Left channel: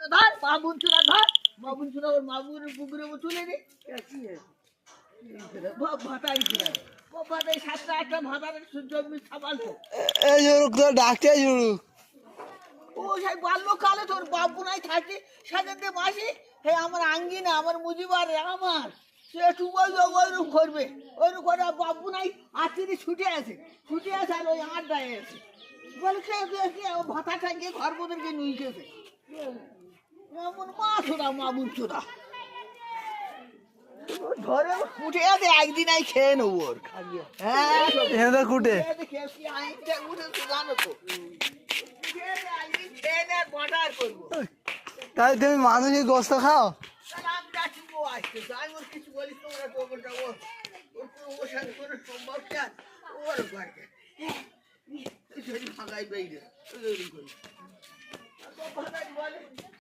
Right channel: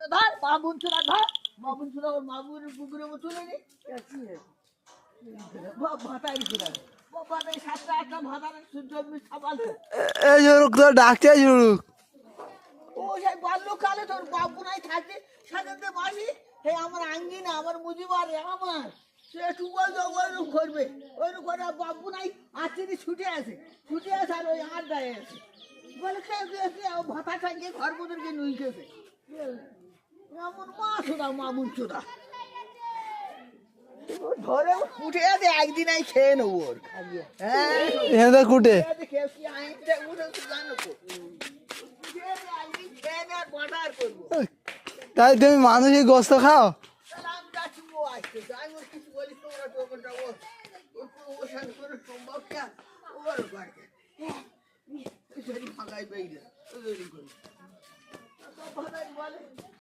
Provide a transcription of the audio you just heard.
ধর বাবুন চোরা ধর বাবুন চোরা ওর বাবুর পুকুরে চলে রে ভাতারি চোরা ভাতারি 7টা 8টা ভাতারের জমি সাবালতো এই জরুক তো ডাকছে জরুক ও সেই বাল্যকালে তোর বাবু নাই থাকে সাজাতে মাসি হে আমার আঙ্গিনা আমার মুজিবার আমার সে একটু ওইরকম করবে ওইরকম করে বাবু নাই আজকে ছুটে আছে আর ওই আড্ডায় আছে বলে ভাতা টাঙ্গিয়ে ঘর মোদেরকে নুই খেয়েছে মামুন মামুন চোরা ধরে উঠে আছে একদিন আই খেয়ে নেবো ওর হ্যাঁ এদের কুটে খেয়েছি আইনটা উঠেছি জানো তো একদিন খেয়ে নে বাটার করবো তাই তুমি মানুষের গোস্ত খাও আমি যাচ্ছি ও আসতেছে আমি ওর কিছু বলিস তোমরা টোকনটা ওর সাথে কোনো সম্ভব কি আছে ওর বাড়িতে ফাঁকাই পেয়ে গেছে বলে